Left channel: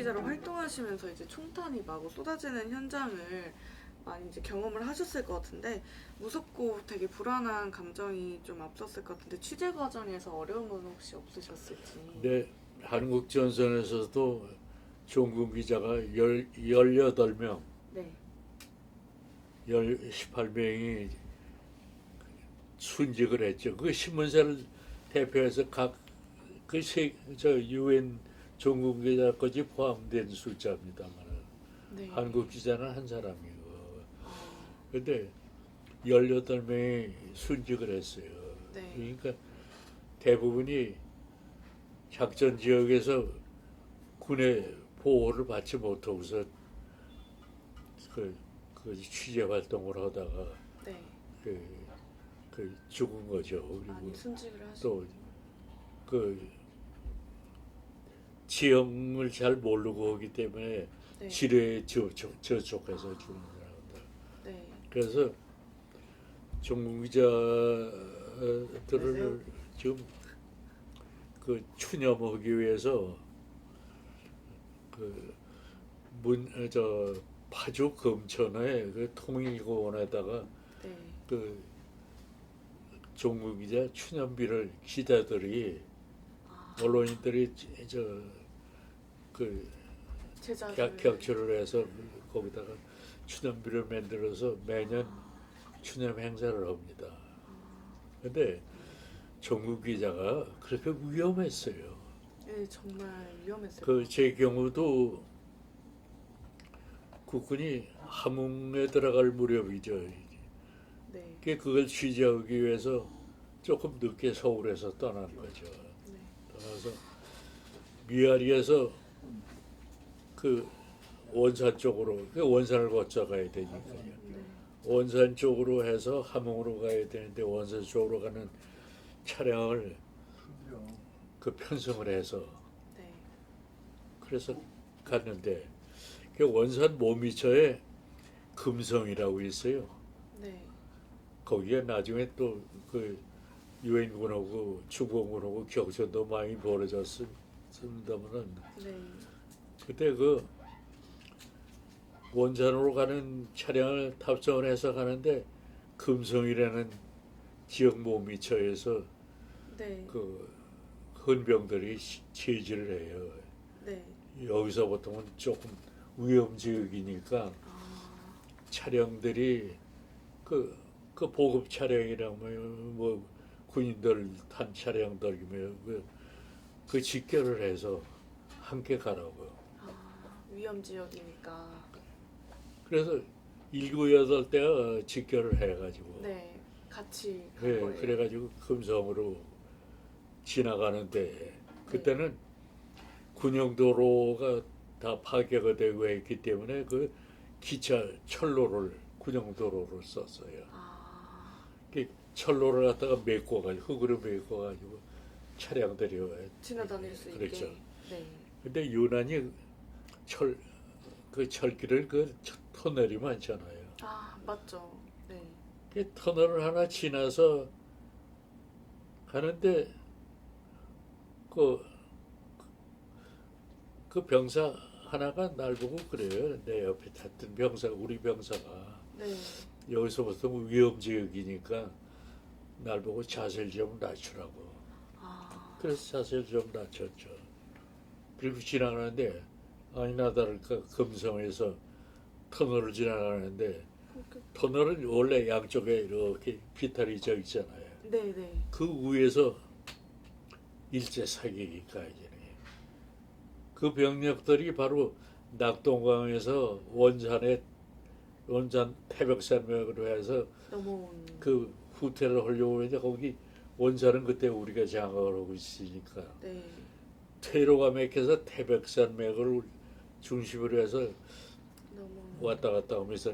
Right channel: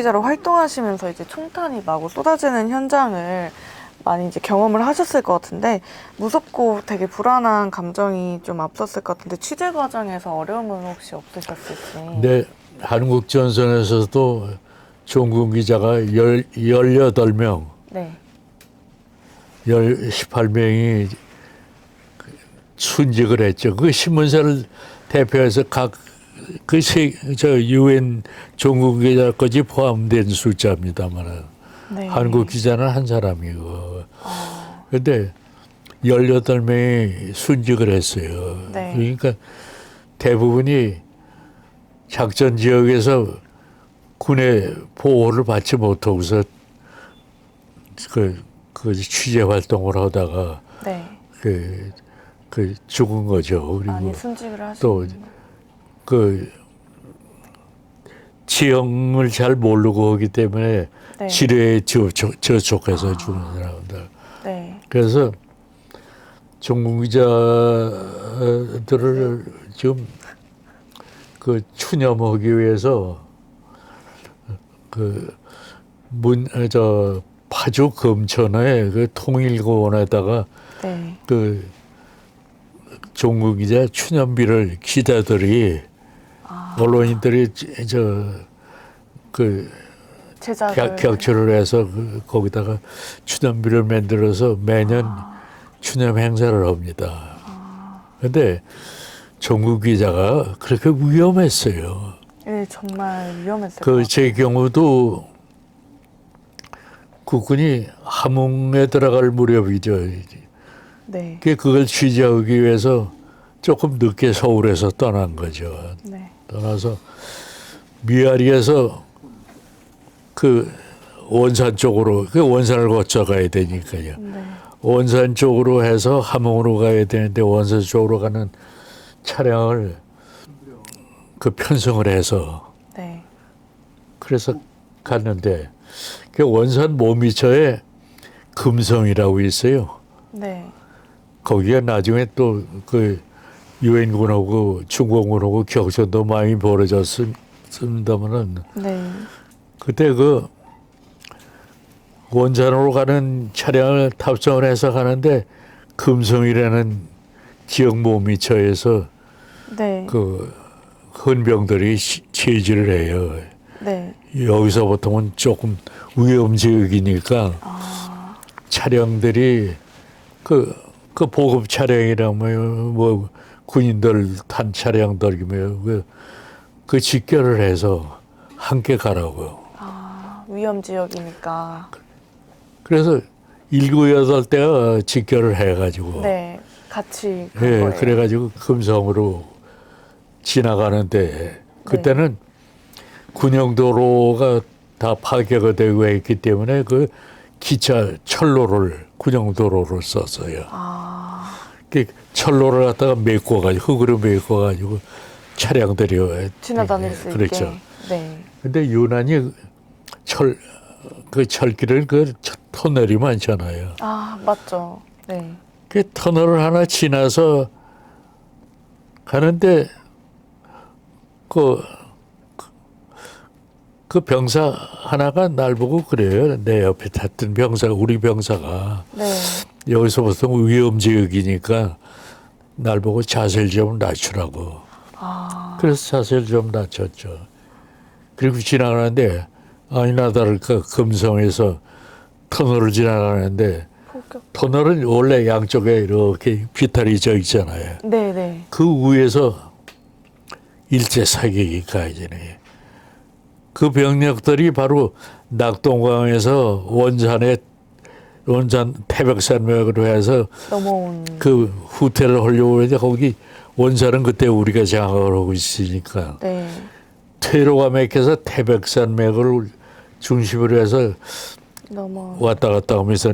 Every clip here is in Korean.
기자로 활동하시면서 이제 총탄이 마구 쏟아지는 현장을 많이 이제 경험을 하셨을 것 같은데 무섭고 되게 불안한 감정이 좀 앞섰을 것 같은데 취재 과정에서 어려움은 혹시 없으셨을지? 네, 한국 전선에서도 종군 기자가 18명, 네. 18명이 순직을 했죠. 그 신문사를 대표해서 유엔 종군 기자까지 포함된 숫자입니다만 네. 한국 기자는 한 사람이고. 근데 18명이 순직을 했어요. 네. 그러니까 대부분이 작전 지역에서 군의 보호를 받지 못하고서 그 취재 활동을 하다가 네. 그 죽은 거죠. 그리고 많이 순직을 하시는. 또 그 지형을 잘 모르고 하기 때문에 네. 지뢰에 저촉해서 죽는 사람들. 네. 그래서 종군 기자들을 지금 그 추념하기 위해서 파주 금천에 그 통일고원에다가 네. 그 종군 기자 추념비를 기자들이 언론인들이 제작을. 격추를 해서 거기다가 추념비를 만들어서 매년 추념 행사를 합니다. 근데 종군 기자가 그렇게 위험했어요. 네, 정말 위험했을 것 그 같아요. 제 경우도 국군이 함흥에 들어갈 무렵이죠. 네. 그걸 취재하기 위해서 조금 늦게 서울에서 떠난 거죠. 네. 떠나서 미아리에서 그 원산 쪽으로, 그 원산을 거쳐 가야 되니까요. 네. 원산 쪽으로 해서 함흥으로 가야 되는데 원산 쪽으로 가는 차량을 그 편성을 해서 네. 그래서 갔는데 그 원산 모미처에 금성이라고 있어요. 네. 거기가 나중에 또 그 유엔군하고 중공군하고 격전도 많이 벌어졌습니다만은 네. 그때 그 원산으로 가는 차량을 탑승을 해서 가는데 금성이라는 지역 모미처에서 네. 그 헌병들이 체질을 해요. 네. 여기서 보통은 조금 위험 지역이니까 차량들이 그 보급 차량이라면 뭐 군인들 탄 차량들이면 그 직결을 해서 함께 가라고요. 위험 지역이니까. 그래서 7~8대가 직결을 해가지고 네. 같이 간 예, 거예요. 그래가지고 금성으로 지나가는데 그때는 군용도로가 다 파괴가 되고 했기 때문에 그 기차 철로를 군용도로를 썼어요. 그 철로를 갖다가 메꿔가지고 흙으로 메꿔가지고 차량들이 지나다닐 수 그렇죠. 있게. 네. 근데 유난히 그 철길은 그 터널이 많잖아요. 맞죠. 네. 그 터널을 하나 지나서 가는데 그 병사 하나가 날 보고 그래요. 내 옆에 탔던 병사가, 우리 병사가 네. 여기서부터 위험 지역이니까 날 보고 자세를 좀 낮추라고. 그래서 자세를 좀 낮췄죠. 그리고 지나가는데 아니나 다를까 금성에서 터널을 지나가는데 터널은 원래 양쪽에 이렇게 비탈이 져 있잖아요. 네, 네. 그 위에서 일제 사격이 가해지네. 그 병력들이 바로 낙동강에서 원산 태백산맥으로 해서 넘어온. 그 후퇴를 하려고 했는데 거기 원산은 그때 우리가 장악을 하고 있으니까 네. 퇴로가 막혀서 태백산맥을 중심으로 해서 넘어온. 왔다 갔다 하면서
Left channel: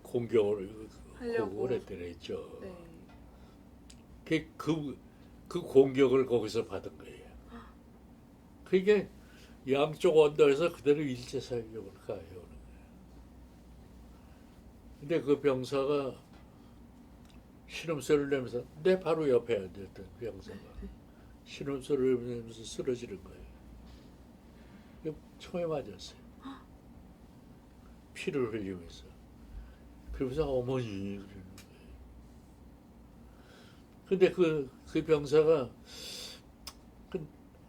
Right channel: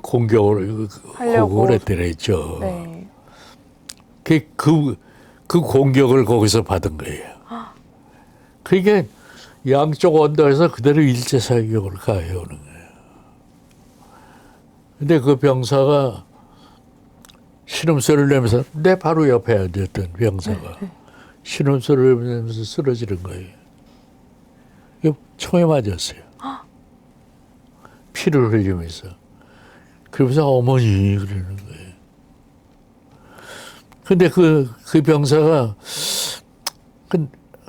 공격을 하고 그랬더랬죠. 네. 그 공격을 거기서 받은 거예요. 그러니까 양쪽 언덕에서 그대로 일제 사격을 가해오는 거예요. 근데 그 병사가 신음소리를 내면서 내 바로 옆에 앉았던 병사가 신음소리를 내면서 쓰러지는 거예요. 이거 총에 맞았어요. 피를 흘리면서. 그러면서 어머니 그러는 거예요. 근데 그 병사가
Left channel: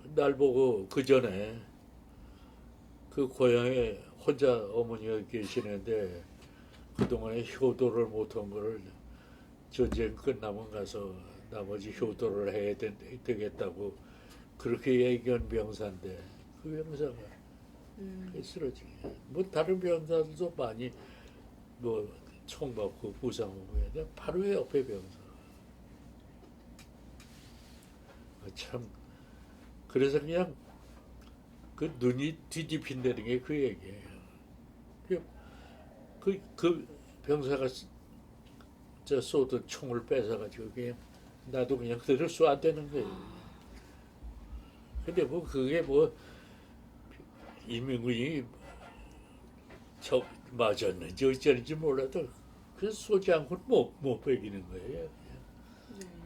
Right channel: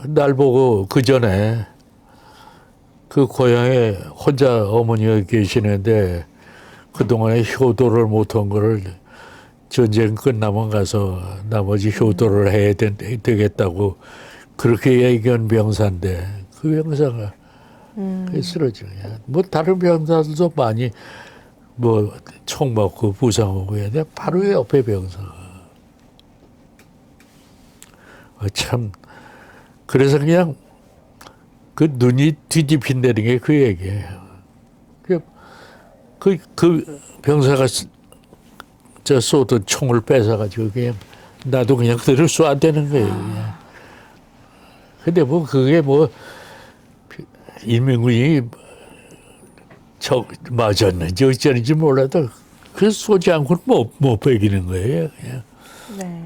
날 보고 그 전에 그 고향에 혼자 어머니가 계시는데 그동안에 효도를 못한 거를 전쟁 끝나면 가서 나머지 효도를 해야 되겠다고 그렇게 얘기한 병사인데 그 병사가 쓰러진 거야. 뭐 다른 병사들도 많이 뭐 총 맞고 부상하고 했는데 바로 옆에 병사가 참 그래서 그냥 그 눈이 뒤집힌다는 게 그 얘기예요. 그 병사가 저 쏘던 총을 뺏어가지고 그냥 나도 그냥 그대로 쏴대는 거예요. 그냥. 근데 뭐 그게 뭐 인민군이 맞았는지 어쩌는지 몰라도 그 쏘지 않고는 못 베기는 거예요. 그냥. 네.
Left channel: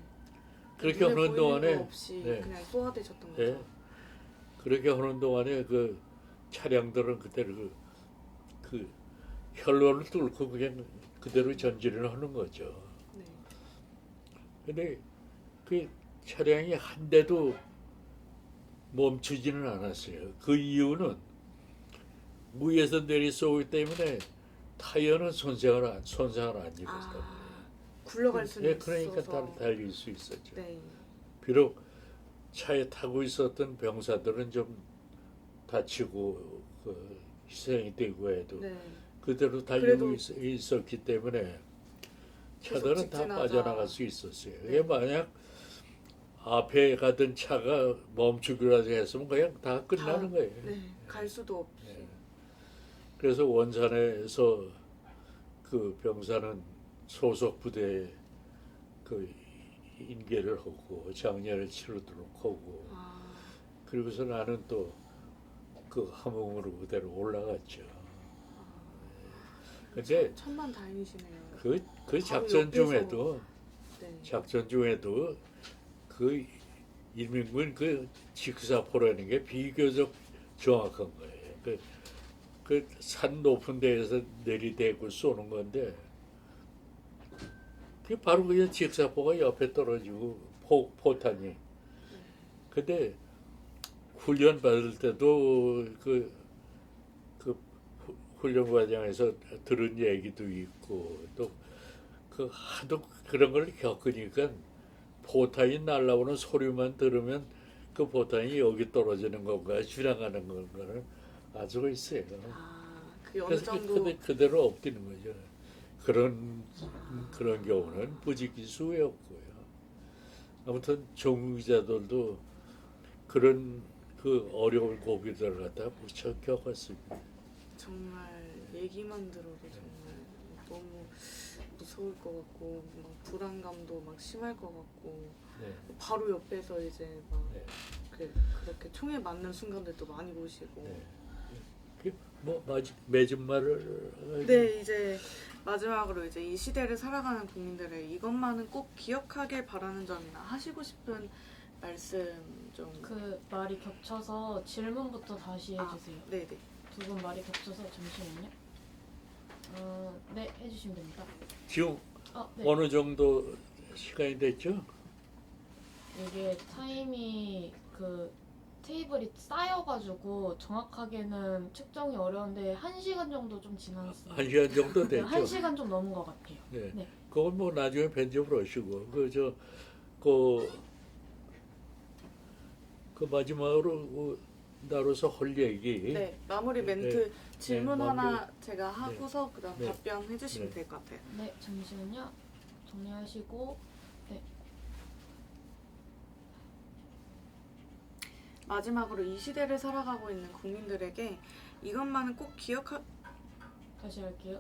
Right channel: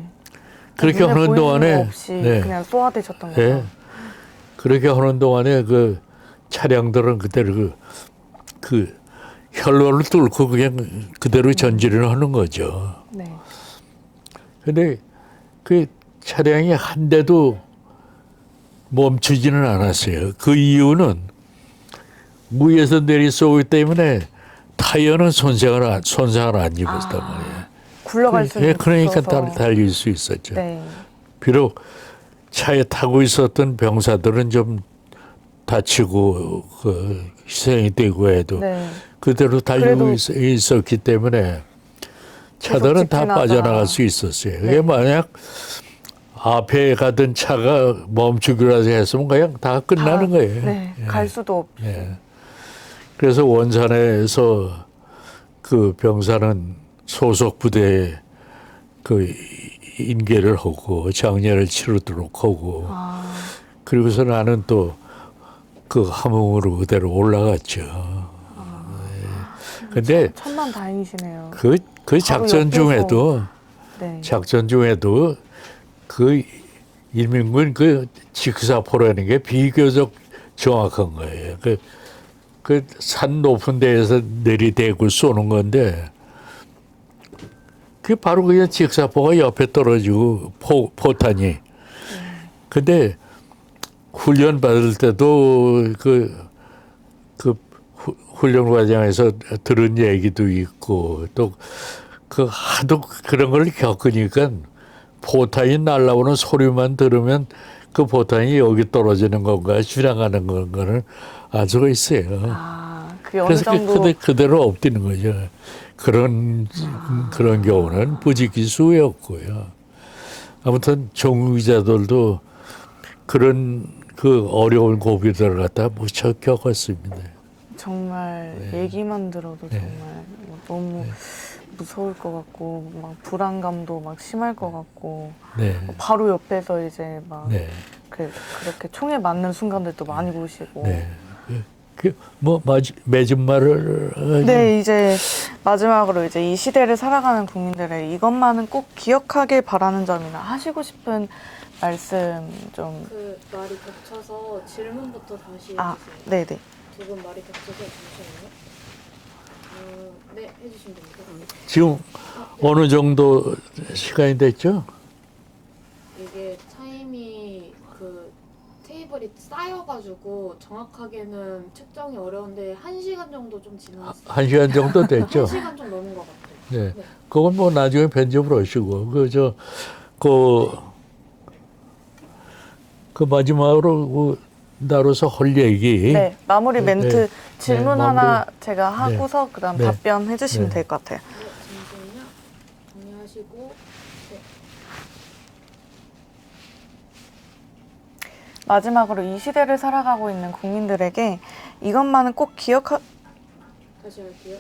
그렇게 눈에 하는 보이는 동안에 거 없이 그냥 쏘아대셨던 거죠. 예. 그렇게 하는 동안에 그 차량들은 그대로 그 혈로를 뚫고 그냥 그대로 전진을 하는 거죠. 네. 근데 그 차량이 한 대도 멈추지는 않았어요. 그 이유는 무에서 내리 쏘기 때문에 타이어는 손상을 안 입었단 말이에요. 굴러갈 수 예, 그러니까 있어서. 달릴 수 있었죠. 네. 비록 차에 타고 있었던 병사들은 좀 다치고 그 희생이 되고 해도 네. 그대로 달리고 그래도 있었기 때문에 차들은 다 직진하다. 빠져나갈 수 있었어요. 그게 네. 만약 앞에 가던 차가 멈추기라도 했으면 그냥 다 끝나는 거예요. 네. 예. 갈 수도 없. 예. 그래서 원산에서 그 병사는 소속 부대에 그 인계를 하고 장례를 치르도록 하고 그리고서 나는 또 그 함흥으로 그대로 올라갔죠. 근데 천만 다행이시네요. 그 바로 작전 옆에서. 중에도 네. 그 인민군 그 직사포라는 게 비교적 정확한 거예요. 그 산 높은 데에서 내리대고 쏘는 건데 그 바로 그냥 직사포가 옆에 떨어지고 포탄이. 근데 훈련 받을 때도 그 훈련 과정에서 들은 얘기도 있고 또 그 하도 그런 걸 겪으니까 포탄이 날아오는 소리만 들으면 그 포탄이 여기 떨어지는 건가 지나가는 건가를 알 수가 있어요. 그게 어느 그래서 정도 그대로 엎드는 거죠. 그런 경우는 부지기수였고요. 아무튼 종기자들도 그런 그 어려운 고비들을 갖다 무척 겪었습니다. 정말 네. 얘기만 들어도 네. 정말 너무 네. 무서울 것 같고 막 불안감도 막 심할 것 같고 네. 바로 옆에서 이제 막 네. 그렇게 총에 맞는 순간들도 많이 보시고 네. 뭐 맺은 말을 네, 이제 마지막으로 이제 이 시대를 살아가는 국민들의 이것만은 꼭 기억하길 바라는 점이나 하시고 싶은 말씀 좀. 그 말이 겹쳐서 질문부터 다시 아, 해주세요. 네네. 두 분 말이 겹쳐서 잠시만요. 네, 해주시면 됩니다. 그럼. 지금 네. 어느 정도 시간이 됐죠? 이게 타임이 그 테이블이 쌓여가지고 정확하게는 측정이 어려운데 1시간 정도 좀 지났어요. 1시간 정도 됐죠? 1시간 좀 넘은 것 같아요. 네. 네. 그건 뭐 나중에 편집을 하시고 그 마지막으로 나로서 할 얘기. 네, 마무리 멘트 네. 질문 네, 하나 마무리. 제가 하고서 그다음 네. 답변해 주시면 네. 될 것 같아요. 네, 잠시만요. 정리하시고. 네. 마지막으로 이 시대를 살아가고 있는 국민들에게 이것만은 꼭 다시 할게요.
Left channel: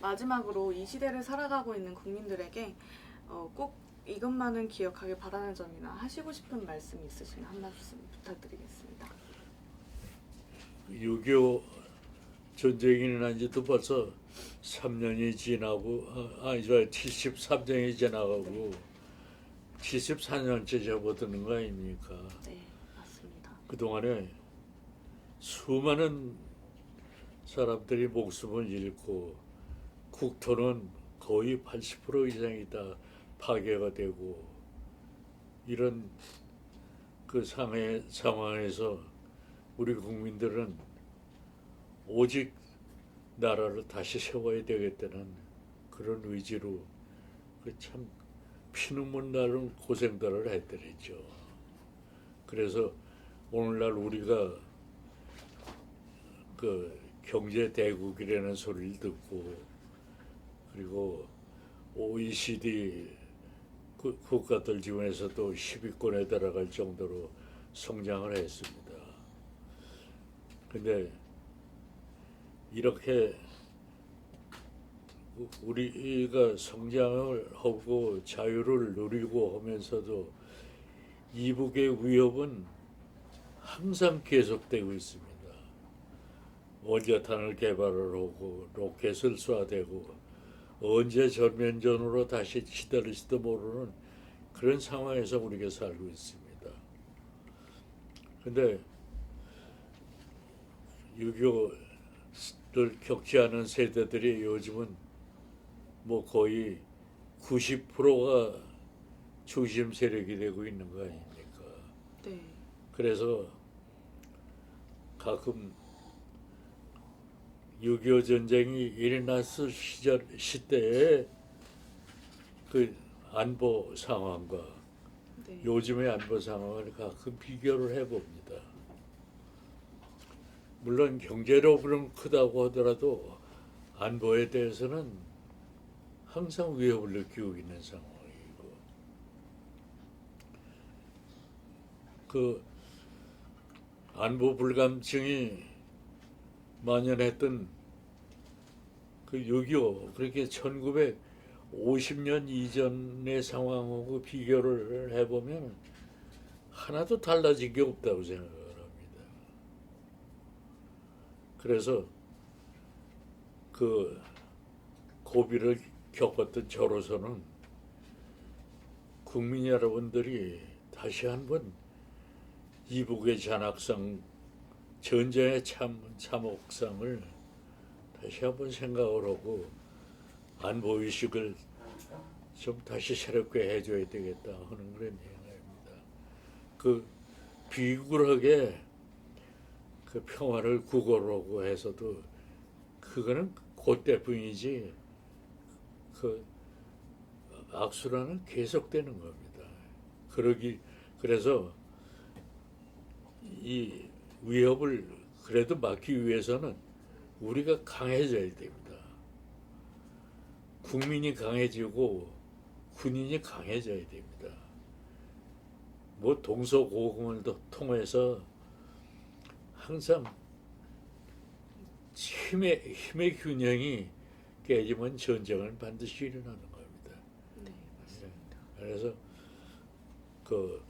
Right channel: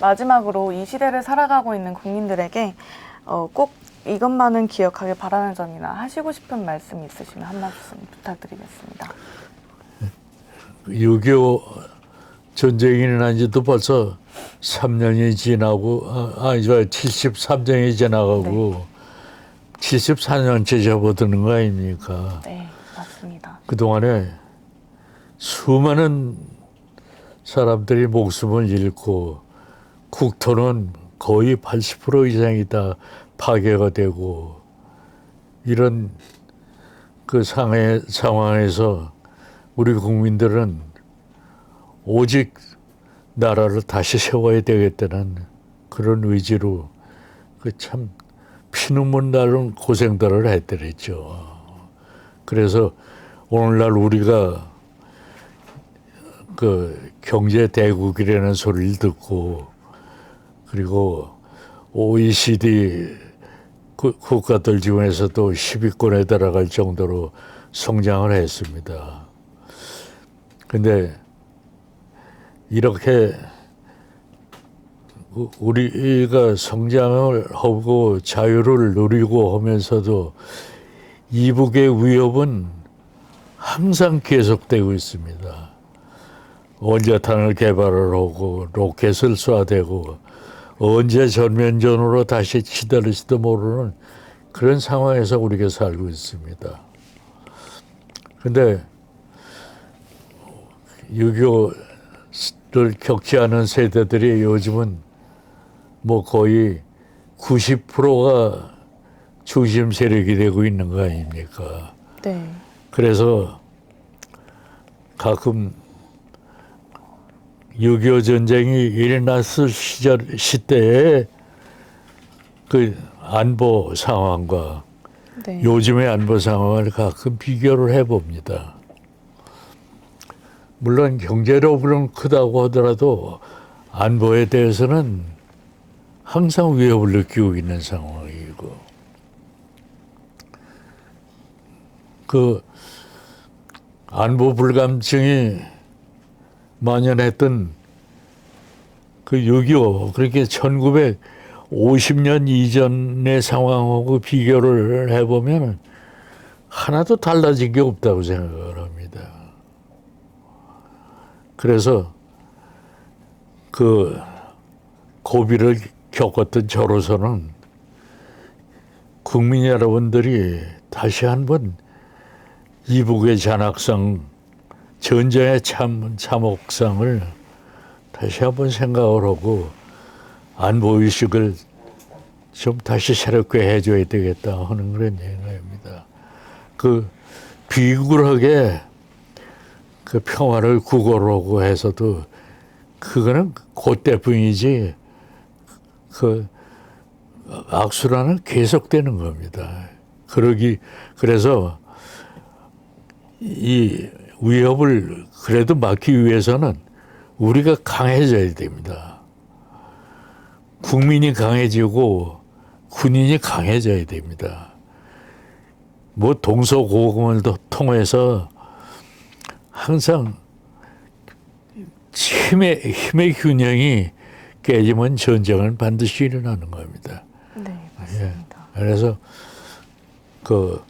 마지막으로 이 시대를 살아가고 있는 국민들에게 꼭 이것만은 기억하길 바라는 점이나 하시고 싶은 말씀 있으시면 한 말씀 부탁드리겠습니다. 6.25 전쟁이 일어난 지도 벌써 3년이 지나고, 73년이 지나가고, 74년째 접어드는 거 아닙니까? 네, 맞습니다. 그동안에 수많은 사람들이 목숨을 잃고, 국토는 거의 80% 이상이 다 파괴가 되고, 이런 그 상황에서 우리 국민들은 오직 나라를 다시 세워야 되겠다는 그런 의지로 그 참 피눈물 나는 고생들을 했더랬죠. 그래서 오늘날 우리가 그 경제 대국이라는 소리를 듣고 그리고 OECD 국가들 중에서도 10위권에 들어갈 정도로 성장을 했습니다. 근데 이렇게 우리가 성장을 하고 자유를 누리고 하면서도 이북의 위협은 항상 계속되고 있습니다. 원자탄을 개발을 하고 로켓을 쏴대고 언제 전면전으로 다시 치달을지도 모르는 그런 상황에서 우리가 살고 있습니다. 근데 6.25를 겪지 않은 세대들이 요즘은 뭐 거의 90%가 중심 세력이 되고 있는 거 아닙니까? 네. 그래서 가끔 6.25 전쟁이 일어났을 시대에 그 안보 상황과 네. 요즘의 안보 상황을 가끔 비교를 해봅니다. 물론 경제력은 크다고 하더라도 안보에 대해서는 항상 위협을 느끼고 있는 상황이고 그 안보 불감증이 만연했던 그 6.25 그렇게 1950년 이전의 상황하고 비교를 해보면 하나도 달라진 게 없다고 생각을 합니다. 그래서 그 고비를 겪었던 저로서는 국민 여러분들이 다시 한번 이북의 잔악상, 전쟁의 참혹상을 다시 한번 생각을 하고 안보의식을 좀 다시 새롭게 해줘야 되겠다 하는 그런 생각입니다. 그 비굴하게 그 평화를 구걸하고 해서도 그거는 그때뿐이지 그 악순환은 계속되는 겁니다. 그래서 이 위협을 그래도 막기 위해서는 우리가 강해져야 됩니다. 국민이 강해지고 군인이 강해져야 됩니다. 뭐 동서고금을 통해서 항상 힘의 균형이 깨지면 전쟁은 반드시 일어나는 겁니다. 네, 맞습니다. 그래서 그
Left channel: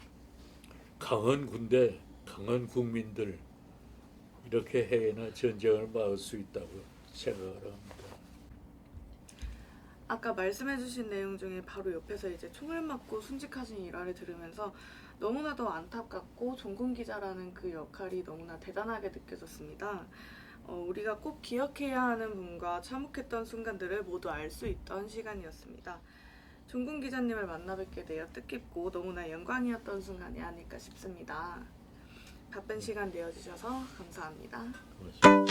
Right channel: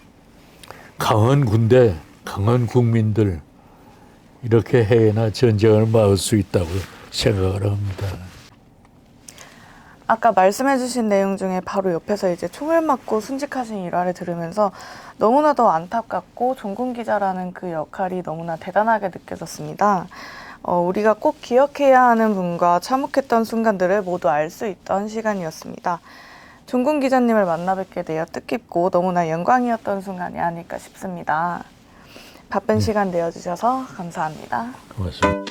강한 군대, 강한 국민들 이렇게 해야나 전쟁을 막을 수 있다고 생각을 합니다. 아까 말씀해주신 내용 중에 바로 옆에서 이제 총을 맞고 순직하신 일화를 들으면서 너무나도 안타깝고 종군 기자라는 그 역할이 너무나 대단하게 느껴졌습니다. 우리가 꼭 기억해야 하는 분과 참혹했던 순간들을 모두 알 수 있던 시간이었습니다. 종군 기자님을 만나 뵙게 되어 뜻깊고 너무나 영광이었던 순간이 아닐까 싶습니다. 바쁜 시간 내어주셔서 감사합니다. 고맙습니다.